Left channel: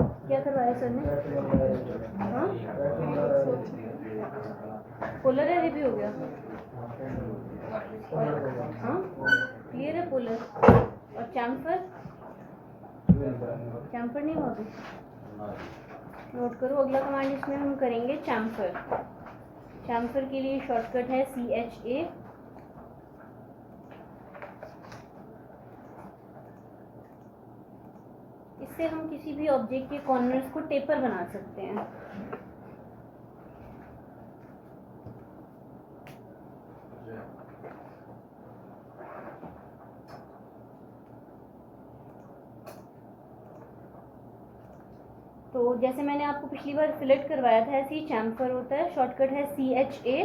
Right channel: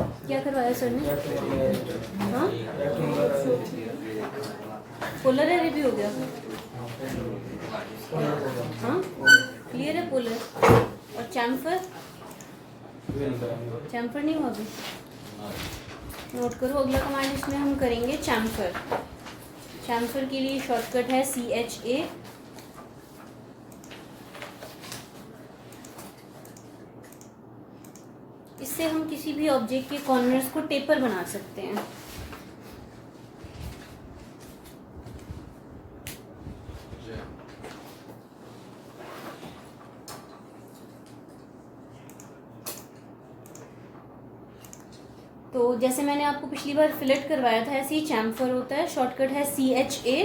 क्या करवाया सर ने? हाँ, पोलर एरे भी हो गया। हाँ, क्लियर है पोलर। और चैम्फर? चैम्फर नहीं हुआ अभी। नोट करो, अगला कमांड इसमें हम करेंगे चैम्फर। चैम्फर के लिए शॉर्टकट है CHA। इससे हम किसी भी ऑब्जेक्ट के कॉर्नर्स को टेपर बना सकते हैं। तो जैसे मैंने आपको पिछली बार फिलेट करवाया था, ऐसे ही चैम्फर होता है, शॉर्टकट है CHA।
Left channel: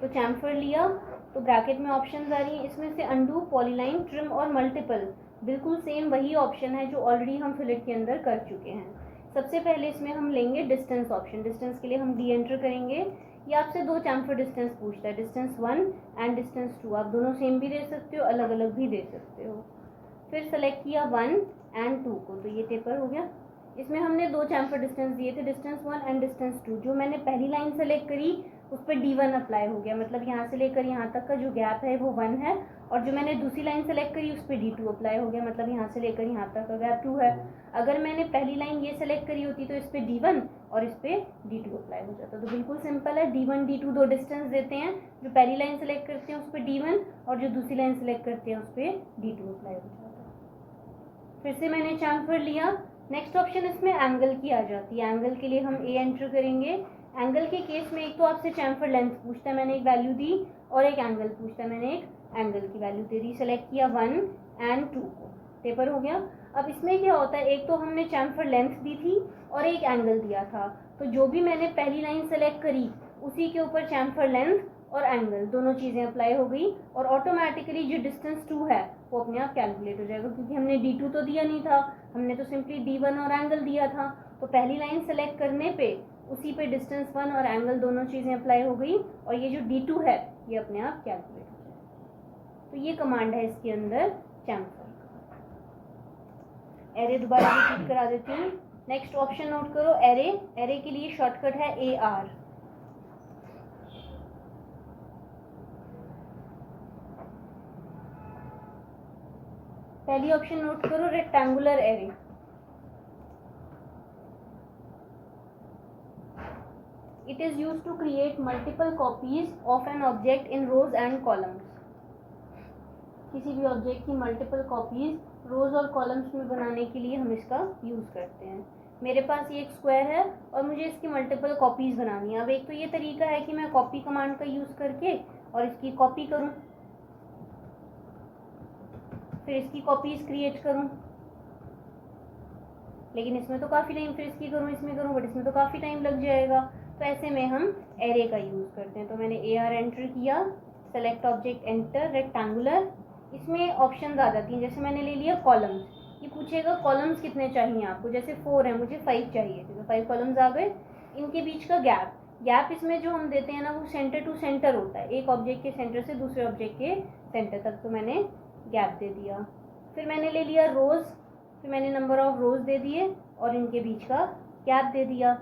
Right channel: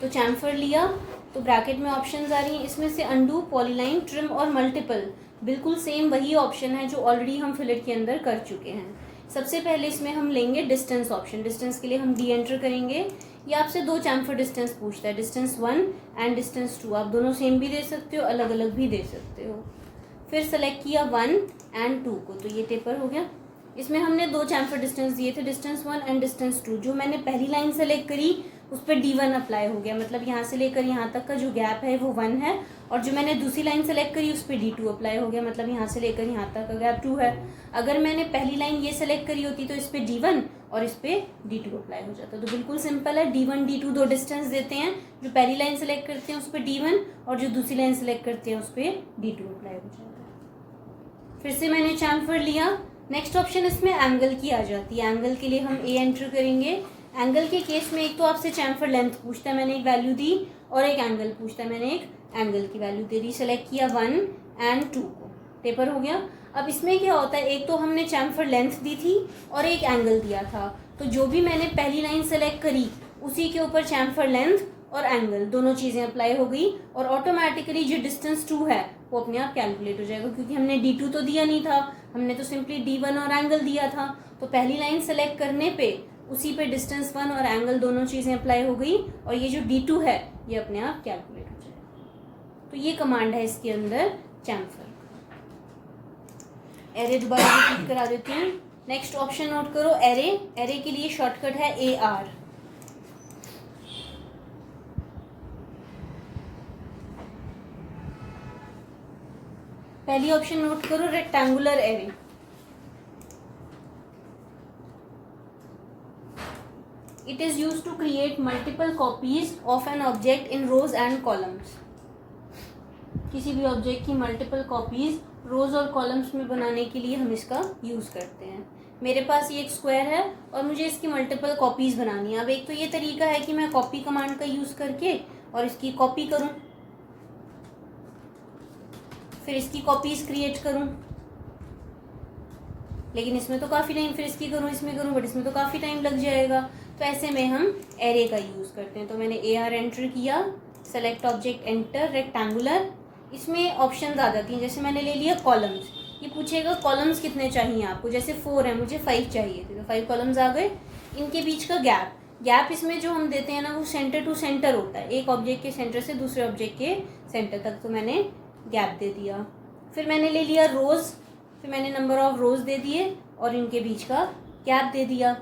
तो चैम्फर लिया तो ब्रैकेट में ऑप्शंस आ रही हैं, इसमें से अंडू, पॉलीलाइन, ट्रिम और मल्टीपल बिल्कुल सेम वही ऑप्शन है जो ऑलरेडी हम फिलेट के अंदर कर चुके हैं। सबसे पहले इसमें हम लेंगे डिस्टेंस ऑप्शन। डिस्टेंस के लिए हम D एंटर करेंगे। ये आपसे दो चैम्फर डिस्टेंस पूछता है, डिस्टेंस 1 एंड डिस्टेंस 2। आप दोनों सेम भी दे सकते हो, अलग अलग भी दे सकते हो। फिर सेलेक्ट किया 1 एंड 2 को, तो ये टेपर हो गया। इसमें हमने दो चैम्फर डिस्टेंस दिए थे, डिस्टेंस 1 एंड डिस्टेंस 2। जो मैंने पहली लाइन सेलेक्ट करी उस पर D1 अप्लाई हो गया, मतलब यहाँ से लेकर यहाँ तक का जो गैप है वो 1 है। और जो मैंने दूसरी लाइन सेलेक्ट करी उस पर D2 अप्लाई हो गया, मतलब यहाँ से लेकर यहाँ तक का गैप 2 है। अगर मैंने पहली लाइन ये सेलेक्ट करी होती तो इस पर D1 और इस पर D2 अप्लाई हो जाता। तो बिल्कुल सिंपल है, D1 D2 दो डिस्टेंस देते हैं। जो पहली लाइन सेलेक्ट करते हैं उस पर D1 और जो दूसरी लाइन सेलेक्ट करते हैं उस पर D2 अप्लाई हो जाता है। फिर से मैंने चैम्फर लिया। नेक्स्ट ऑप्शन इसमें एंगल की आ जाती है। एंगल के लिए हम A एंटर करेंगे। एंगल के केस में एक तो आपसे चैम्फर लेंथ पूछता है, मैंने एक वैल्यू दी, और एक एंगल पूछता है, मैंने एक एंगल की वैल्यू दे दी। सेलेक्ट किया 1 एंड 2 को, टेपर हो गया। अब इसमें क्या होता है, एक तो हमने चैम्फर लेंथ दी थी और एक एंगल दिया था, तो जो भी मैंने पहली लाइन सेलेक्ट करी उसी के ऊपर चैम्फर लेंथ और एंगल दोनों चीज़ें अप्लाई हो गई, और ऑटोमेटिकली जो डिस्टेंस 2 है वो अपने आप कैलकुलेट हो जाएगा, क्योंकि हमने D2 तो दिया नहीं था, हमने तो सिंपली D1 और एंगल दिया था। तो पहली लाइन सेलेक्ट करने पे उसी पे डिस्टेंस 1 और एंगल दोनों चीज़ें अप्लाई हो गई, और ये जो D2 है ये अपने आप कैलकुलेट हो जाएगा। तो ये कमांड है इसके अंदर चैम्फर। एरे दोबारा रिपीट करा देती हूँ। नेक्स्ट ऑप्शन नोट करो, एरे। एरे के लिए शॉर्टकट है AR। पहली ऑप्शन नोट करो, rectangular array. It is used to create multiple copies of an object in rows and columns. किसी भी ऑब्जेक्ट की मल्टीपल कॉपीज रोज और कॉलम्स में बनाने के लिए हम इसका यूज करते हैं। मेरे पास ये एक स्क्वायर है और मुझे इसकी मल्टीपल कॉपीज बनानी है। अब एक तो ये तरीका है कि मैं कॉपी कमांड का यूज करके और इसकी कॉपी करूं, फिर इसकी कॉपीज क्रिएट करूं, लेकिन इसमें तो काफी टाइम, फिर इसकी करूं, इसमें करूं, बट इसमें तो काफी टाइम लग जाएगा। तो ऐसे में हम एरे का यूज करते हैं। तो मैंने AR एंटर किया, सेलेक्ट ऑब्जेक्ट एंटर, रेक्टेंगुलर। इसमें ऑप्शंस आ जाती हैं, जैसे मैंने ले लिया कॉलम्स। ये पूछेगा कॉलम्स कितने चाहिए आपको, जैसे 4 है, मुझे 5 चाहिए थे, तो 5 कॉलम्स आ गए। इनके बीच का गैप इसमें जो हम देते हैं ना, वो सेंटर टू सेंटर होता है, एक ऑब्जेक्ट के सेंटर से दूसरे ऑब्जेक्ट के सेंटर तक। तो मैंने गैप दे दिया। फिर मैंने ले लिया रोज, फिर मैंने नंबर ऑफ रोज दे दिए और इनके बीच का गैप दे दिया।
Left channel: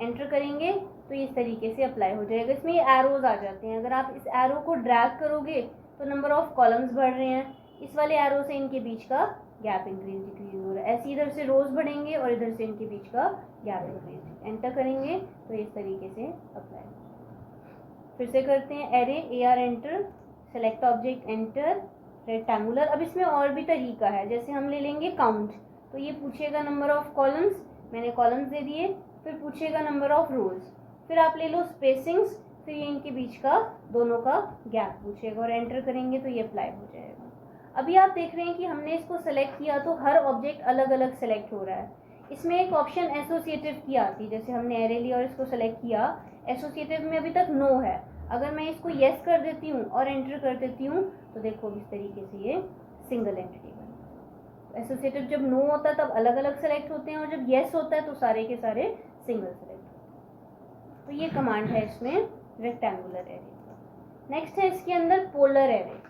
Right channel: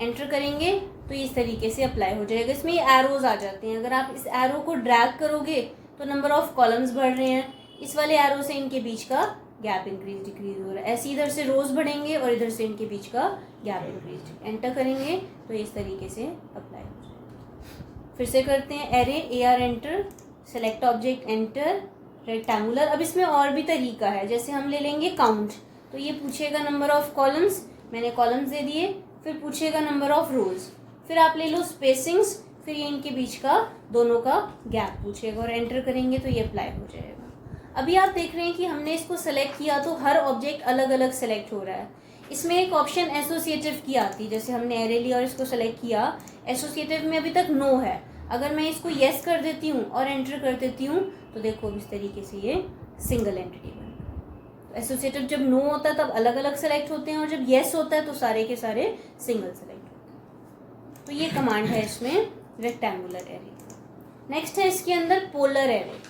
एंटर करेंगे तो इस तरीके से अप्लाई हो जाएगा। इसमें ये एरोज आ जाते हैं, अगर आप इस एरो को ड्रैग करोगे तो नंबर ऑफ कॉलम्स बढ़ रहे हैं, इस वाले एरो से इनके बीच का गैप इंक्रीज डिक्रीज हो रहा है। ऐसे इधर से रोज बढ़ेंगे और इधर से इनके बीच का गैप इंक्रीज। एंटर करेंगे तो इस तरीके से अप्लाई हो जाएगा। फिर से करते हैं, array, AR enter, select object enter, rectangular. अब इसमें और भी तरीका है, जैसे हम ले लेंगे काउंट। तो ये पूछेगा नंबर ऑफ कॉलम्स, मैंने कॉलम्स दे दिए। फिर पूछेगा नंबर ऑफ रोज, फिर आप ले लो स्पेसिंग्स, फिर ये इनके बीच का दोनों का गैप पूछेगा, और एंटर करेंगे तो ये अप्लाई हो जाएगा। अभी आप देख रहे हैं कि हमने इसको सेलेक्ट किया तो हर ऑब्जेक्ट अलग अलग सेलेक्ट हो रहा है। इसमें एक ऑप्शन एसोसिएटिव की आती है, जैसे हमने एरे लिया और इसको सेलेक्ट किया, एसोसिएटिव में अभी तक नो है। अगर मैं इसको येस कर देती हूँ और एंटर कर देती हूँ तो देखो इस तरीके से ये सिंगल एंटिटी बन गया। एसोसिएटिव जब नो होता है तब अलग अलग सेलेक्ट होते हैं, और जब येस होता है तो सारे के सारे सिंगल सेलेक्ट होते हैं। तो ये कमांड है इसमें रेक्टेंगुलर एरे। नेक्स्ट है इसके अंदर पोलर एरे।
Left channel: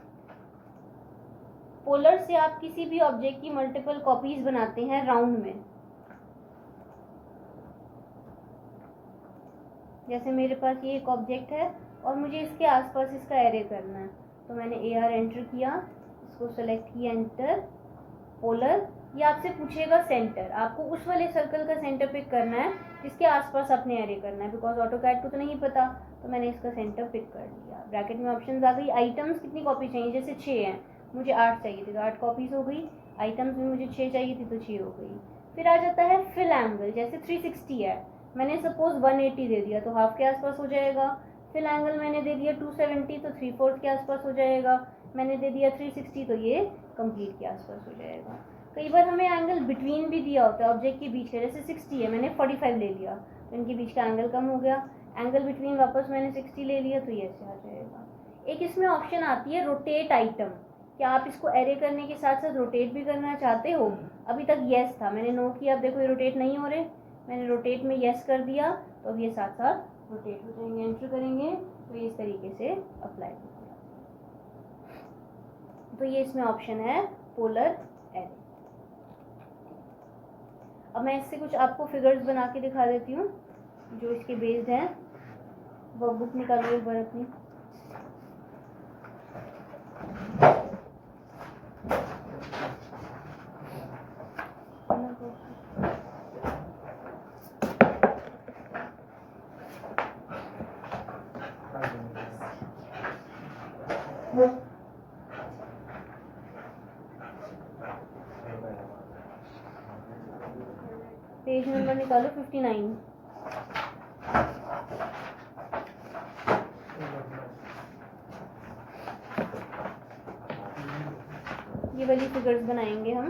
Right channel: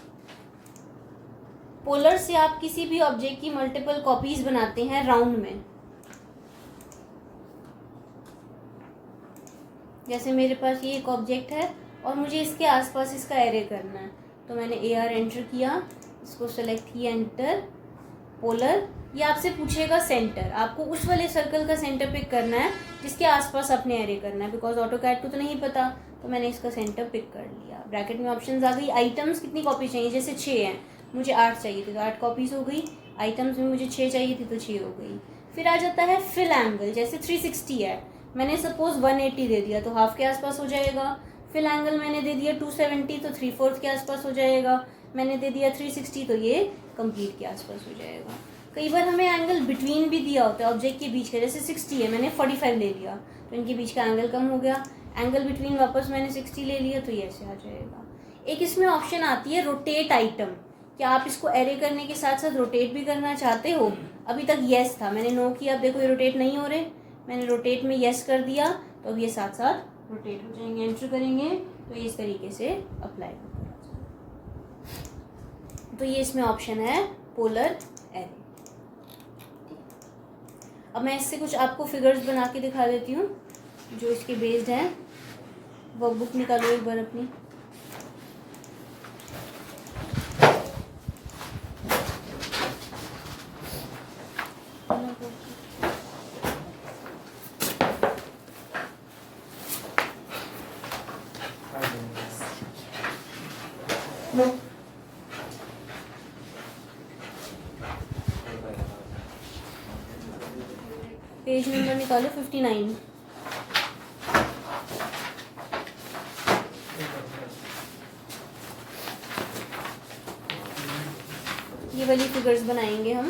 पोलर से आप किसी भी ऑब्जेक्ट की मल्टीपल कॉपीज बनाते हैं राउंड में। जैसे मेरे पास ये एक ऑब्जेक्ट है और मुझे इसके आसपास इसका एरे करना है, तो मैंने AR एंटर किया, इसको सेलेक्ट किया, एंटर, पोलर। ये आपसे पूछेगा सेंटर, आपको उस वाले सर्कल का सेंटर पिक करना है जिसके आसपास अपने एरे करना है, बिकॉज ऑटोकैड को तो नहीं पता, तो मैंने इसका सेंटर पिक कर लिया। ब्रैकेट में ऑप्शंस आ गई। आइटम्स कितनी कॉपी चाहिए, जैसे 6 हैं, मुझे 8 चाहिए थी तो 8 कॉपीज हो गई। आइटम्स में मुझे 6 चाहिए थी तो 6 हो गई। फिर आ जाता है फिल एंगल, जैसे 360 है, मैंने सपोज 180 दे दिया तो हाफ के आसपास हो जाएगा। फिल एंगल मैंने दे दिया 270 तो 3/4 के आसपास हो जाएगा। मैंने दे दिया 360 तो ये कंप्लीट के आसपास हो जाएगा। कई बार हमें एंगल बिटवीन भी दिया होता है ऑब्जेक्ट के बीच का, जैसे 60 है, मैंने 45 ले लिया तो इनके बीच का एंगल कम हो गया। एंगल बिटवीन वापस मैंने 60 ले लिया तो ये ऐसे आ जाएगा। एक इसमें ऑप्शन आती है रोटेट आइटम, क्या आप इसको एरे करने के साथ साथ रोटेट भी करना चाहते हो? अभी तक येस था, मैंने नो किया, अब देखो ये रोटेट नहीं हो रहे, मैंने रोटेट में येस कर दिया तो अब ये साथ साथ रोटेट हो जाएंगे। एंटर करेंगे तो ये इस तरीके से अप्लाई होगा। तो ये इसमें ऑप्शन है पोलर एरे। अब मैं इससे कुछ आपको फिगर्स बना के दिखा देती हूँ जो इसके बेस्ड हैं। वर्कबुक निकालो एक बार अपनी। पेज नंबर निकालो 59। ये वाली फिगर्स बनाएंगे हम।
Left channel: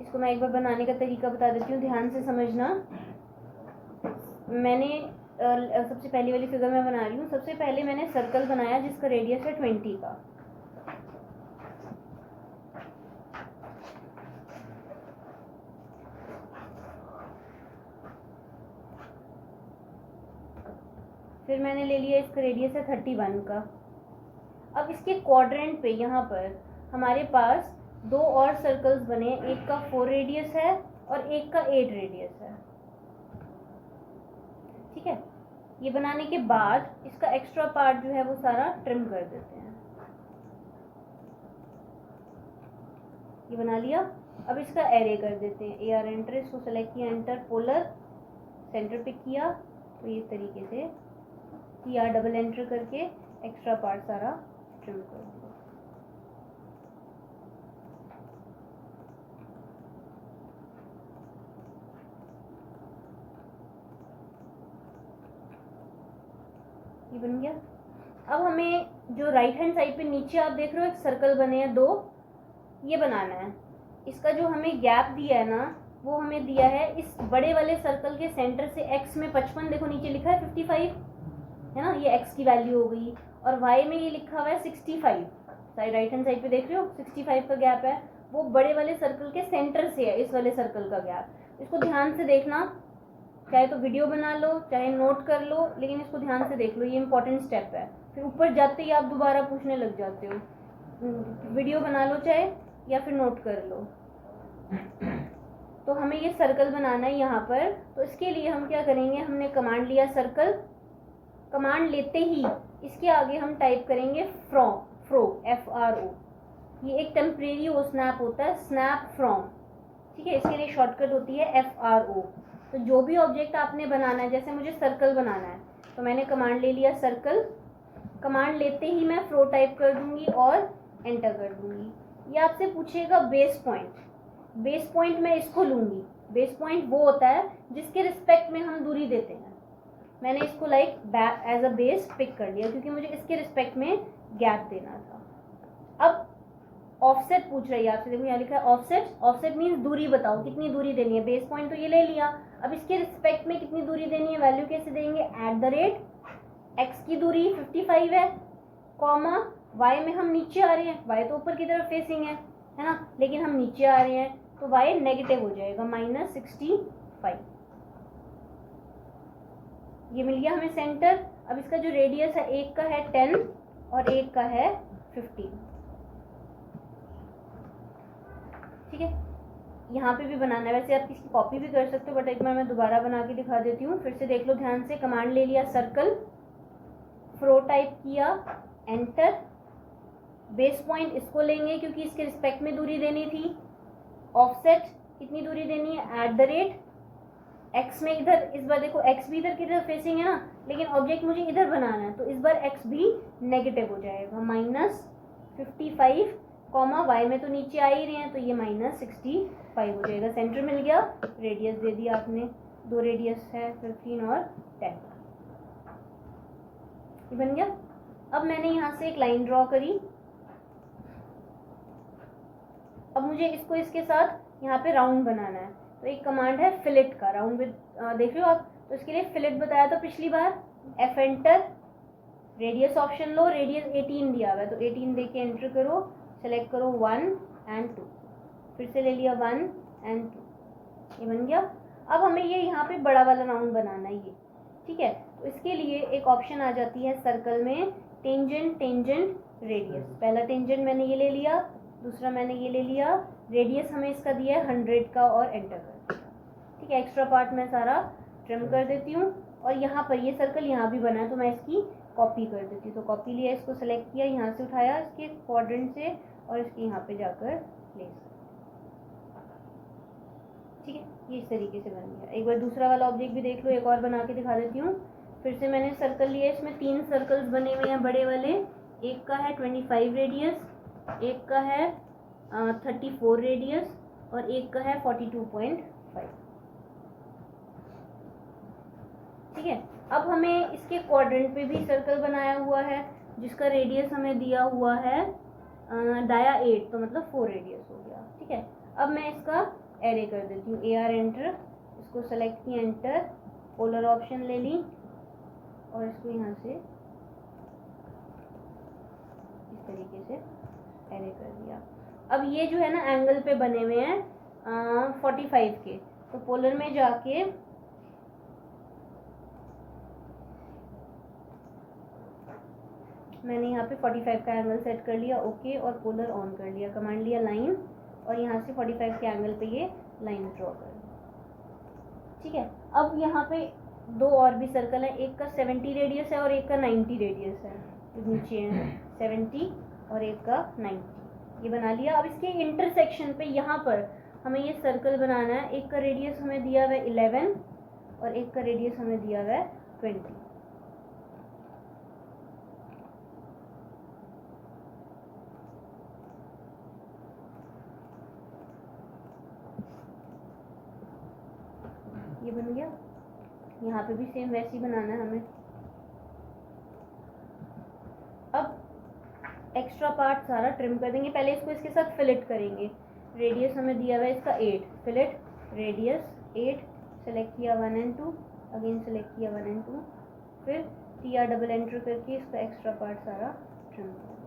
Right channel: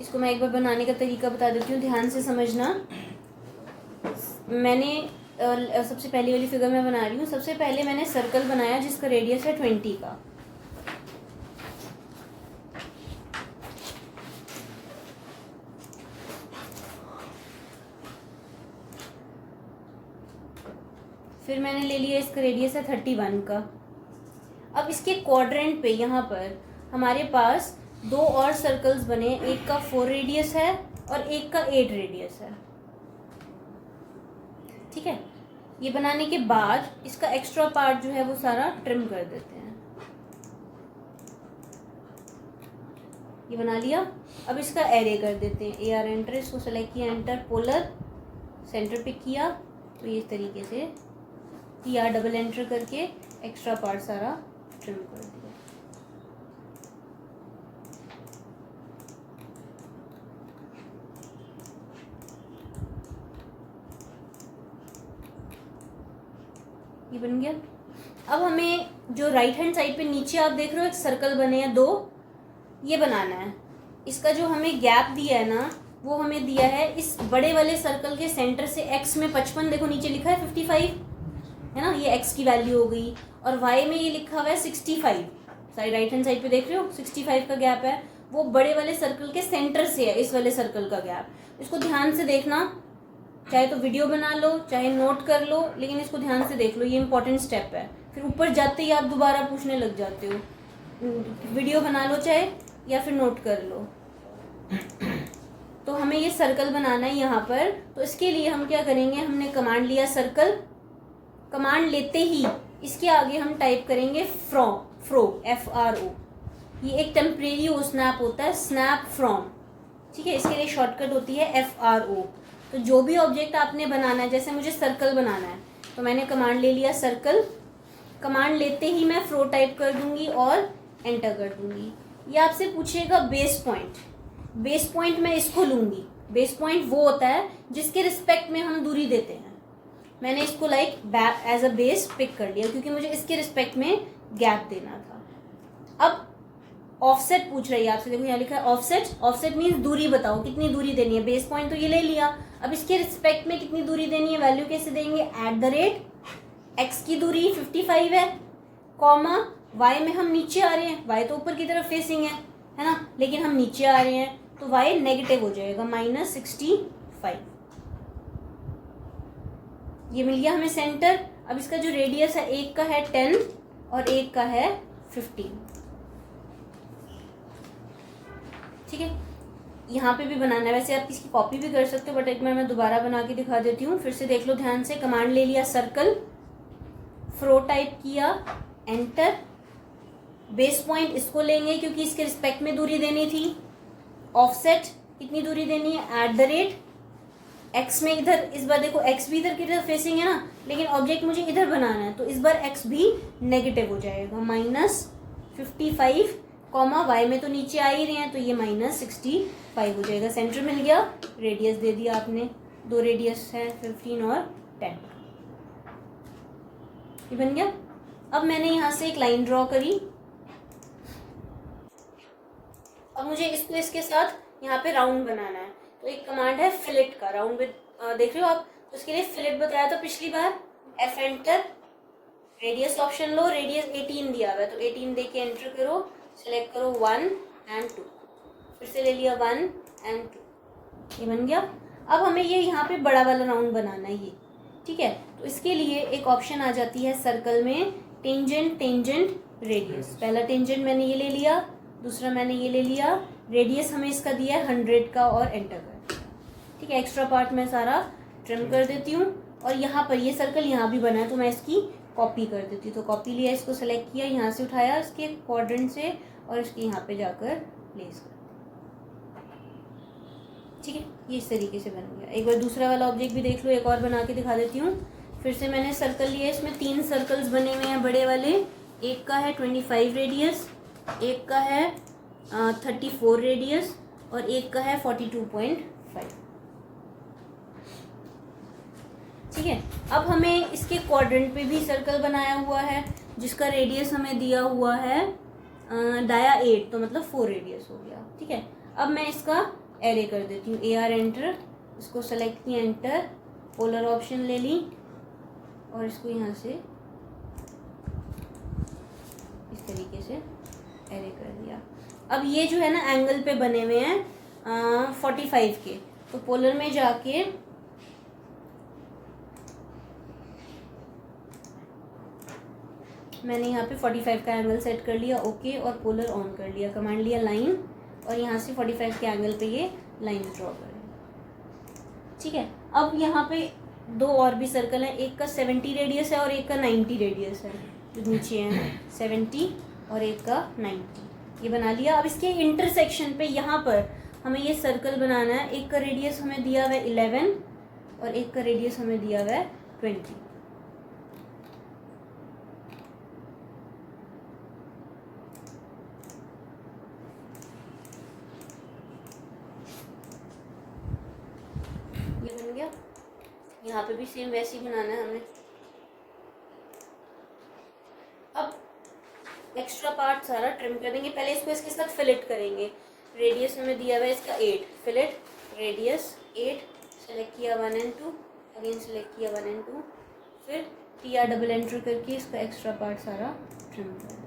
इसको मैं एक बार बनाने का तरीका बता देती हूँ, ध्यान से समझना। मैंने सबसे पहली वाली फिगर मैं बना रही हूँ। सबसे पहले मैंने सर्कल बनाया जिसका रेडियस है 20 का। फिर मैंने ले लिया इसका रेडियस है 31 का। अब इसके क्वाड्रेंट पे यहाँ पर हमारे पास 2 और सर्कल्स बने, एक का 4 रेडियस है और एक का 8 रेडियस है। ठीक है, ये बनाने के बाद इसका एक्स्ट्रा पार्ट जो है वो सारा ट्रिम कर देते हैं। ये बना लिया। अब इसका एरे कर देते हैं। AR एंटर, इसको सेलेक्ट किया, एंटर, पोलर, सेंटर पिक किया तो ये इस तरीके से PR डबल एंटर करके एक्स्ट्रा पार्ट सारा ट्रिम कर दिया। ये बन गया। अब हमें जो राइट हैंड साइड पे नीचे आप देख रहे हो एक सर्कल बने हैं 2, ये बनाना है। इसका जो हमें गैप दिया है ना वो हमें दिया है इस बड़े वाले सर्कल के सेंटर से x में 55, देखो नीचे लिखा है 55 है ना, ये x की वैल्यू हो गई, और y में ये लिखा हुआ है 65। साइड राइट हैंड साइड पे देख रहे हो 65 का गैप है, वो बड़े वाले सर्कल के सेंटर से है इस वाले सर्कल का गैप। इसको ध्यान से देखना, चाहे तो वीडियो बना लो चाहे नोट कर लो, लेकिन इसको ध्यान से देख लो, ये इंपॉर्टेंट स्टेप है। फिर ऊपर जाते ही आप दोबारा पूछने लग जाते हो। वीडियो बना लो चाहे या फिर नोट कर लो। तो हमें ये सर्कल बनाना है यहाँ पर, तो इसके लिए हम क्या करेंगे, हमने कमांड लिया सर्कल, कमांड लेते ही इसके आगे हम टाइप करेंगे फ्रॉम, FRO। ये एक टेम्परेरी वो स्नैप होता है, स्नैप फ्रॉम। ठीक है, इसके लिए शॉर्टकट होती है FRO। तो जो भी ऑब्जेक्ट आपने बनाना है, जैसे मुझे सर्कल बनाना है तो मैंने कमांड ले लिया सर्कल, कमांड लेते ही मैं फ्रो टाइप कर दूंगी और एंटर कर दूंगी। ये आपसे पूछेगा बेस पॉइंट, बेस पॉइंट मैं इसको लूंगी। बेस पॉइंट वो होता है जिसके रिस्पेक्ट में हम दूरी देते हैं। मैंने इसको like as a base pick कर लिया क्योंकि मुझे इसके रिस्पेक्ट में गैप देना था। अब ऑफसेट पूछ रही है आपसे, देखो यहाँ लिखा है ऑफसेट। ऑफसेट मीन्स दूरी बताओ, कितनी दूरी देनी है। बेस पॉइंट तो ये ले लिया, अब इसके रिस्पेक्ट में कितनी दूरी देनी है, वैल्यू कैसे देंगे, @x की दूरी 55 है, कॉमा y में हम नीचे आ रहे हैं, y तो ऊपर की तरफ फेसिंग है ना, लेकिन हम नीचे आ रहे हैं तो y नेगेटिव हो जाएगा -65। ये मिल गया हमें सेंटर। अब इसका जो रेडियस है, एक का है 10 और एक का है 15। ठीक है, यहाँ पे भी बनाना है। वैसे आप इसकी कॉपी भी कर सकते हो, बट एक बार मैं दोबारा बना के दिखा देती हूँ। फिर से देख लो ध्यान से। कमांड ले लिया सर्कल, फ्रो टाइप किया, एंटर। बेस पॉइंट इसको लेंगे क्योंकि इसके रिस्पेक्ट में दूरी देनी थी। ऑफसेट कितनी दूरी देनी है, @ एक्स में इधर, इस बार देखो एक्स भी इधर की तरफ फेसिंग है ना, लेकिन ऑब्जेक्ट मुझे इधर बनाना है, तो इस बार एक्स भी नेगेटिव हो जाएगा, -55, वाई में तो नीचे आ ही रहे हैं, तो ये -65 हो जाएगा। सेंटर मिल गया, रेडियस दे दिया आपने, 2 रेडियस है 15 और 10, ये बन गया। अब मैंने यहाँ से एक लाइन ड्रॉ करी। अब मुझे इसको इसके साथ यहाँ पे राउंड बनाना है, तो एक कमांड है फिलेट का, राउंड विद, देख रहे हो आप, तो इसके लिए फिलेट बताया था पिछली बार। F एंटर, रेडियस ऑप्शन लो, रेडियस 18 दिया हुआ है, तो 18 दे के एंटर करो, सेलेक्ट करो 1 और 2, फिर से ले लिया 1 और 2, ये बन गया। अब हमें ये यहाँ पे बड़ा वाला राउंड बनाना है ये, ठीक है। तो इसके लिए एक ऑप्शन आ जाती है सर्कल में, टेंजेंट, टेंजेंट रेडियस। पहला टेंजेंट मैंने ये ले लिया, दूसरा मैंने ये ले लिया, रेडियस हमें इसका दिया है 100 का, और एंटर कर, ठीक है। एक्स्ट्रा पार्ट मैं सारा ट्रिम कर देती हूँ, और यहाँ पर ये सर्कल यहाँ भी बना है, तो मैं इसकी कॉपी कर देती हूँ। तो कॉपी लिया, इसको सेलेक्ट किया, यहाँ से उठाया इसके क्वाड्रेंट से, और इसके यहाँ पे जाकर प्लेस कर, ठीक है। ये इस तरीके से बन गया। एक बार दूसरा वाला ऑब्जेक्ट भी देख लो, एक और बना के दिखा देती हूँ। फिर से मैंने सर्कल लिया, इसमें 3 सर्कल्स बने हुए हैं बड़े वाले। एक का है 25 रेडियस, एक का है 34 रेडियस, और एक का है 42.5, ठीक है। अब हमें इसके क्वाड्रेंट पे भी सर्कल बनाया हुआ है, जिसका रेडियस हमें दिया हुआ है डाया 8, तो मतलब 4 रेडियस हो गया, ठीक है। अब मैं इसका एरे कर देती हूँ, AR एंटर, इसको सेलेक्ट किया, एंटर, पोलर ऑप्शन ले ली, और इसको यहाँ से इस तरीके से एरे कर दिया। अब ये जो है ना एंगल पे बने हुए हैं 45 के, तो पोलर में जाके मैंने यहाँ पे 45 का एंगल सेट कर लिया, ओके, और पोलर ऑन कर लिया। कमांड लिया लाइन, और यहाँ से 45 के एंगल पे ये लाइन ड्रॉ करें, ठीक है। अब यहाँ पे 2 और भी सर्कल है, एक का 70 रेडियस है और एक का 90 रेडियस है, जो नीचे है 70 और एक का 90, ये बना लिया। अब इसके इंटरसेक्शन पे यहाँ पर हमें ये सर्कल बनाना है। एक का रेडियस हमें दिया हुआ है 11 और एक का रेडियस हमें दिया हुआ है 20, ये बन गया। यहाँ पे भी सेम वैसे ही बनाना है हमें। अब एक्स्ट्रा पार्ट सारा ट्रिम कर देंगे। पहले इसको इसके साथ फिलेट करेंगे। रेडियस हमें दिया हुआ है इसका 8, फिलेट रेडियस 8, सेलेक्ट किया 1 और 2, अगेन सेलेक्ट किया 1 और 2, फिर TR डबल एंटर करके इसका एक्स्ट्रा पार्ट सारा ट्रिम कर देंगे।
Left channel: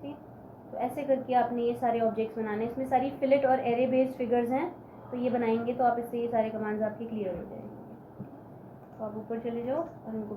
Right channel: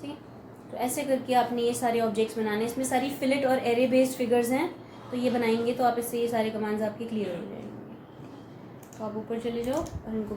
ठीक, तो ऐसे करके आपने ये सारे ऑब्जेक्ट्स बनाने। इसमें सारी फिलेट और एरे बेस्ड फिगर्स हैं, तो ये बनाएंगे तो आप इससे ये सारे कमांड्स आपके क्लियर हो जाएंगे। तो आप ऊपर चले जाओ और इनको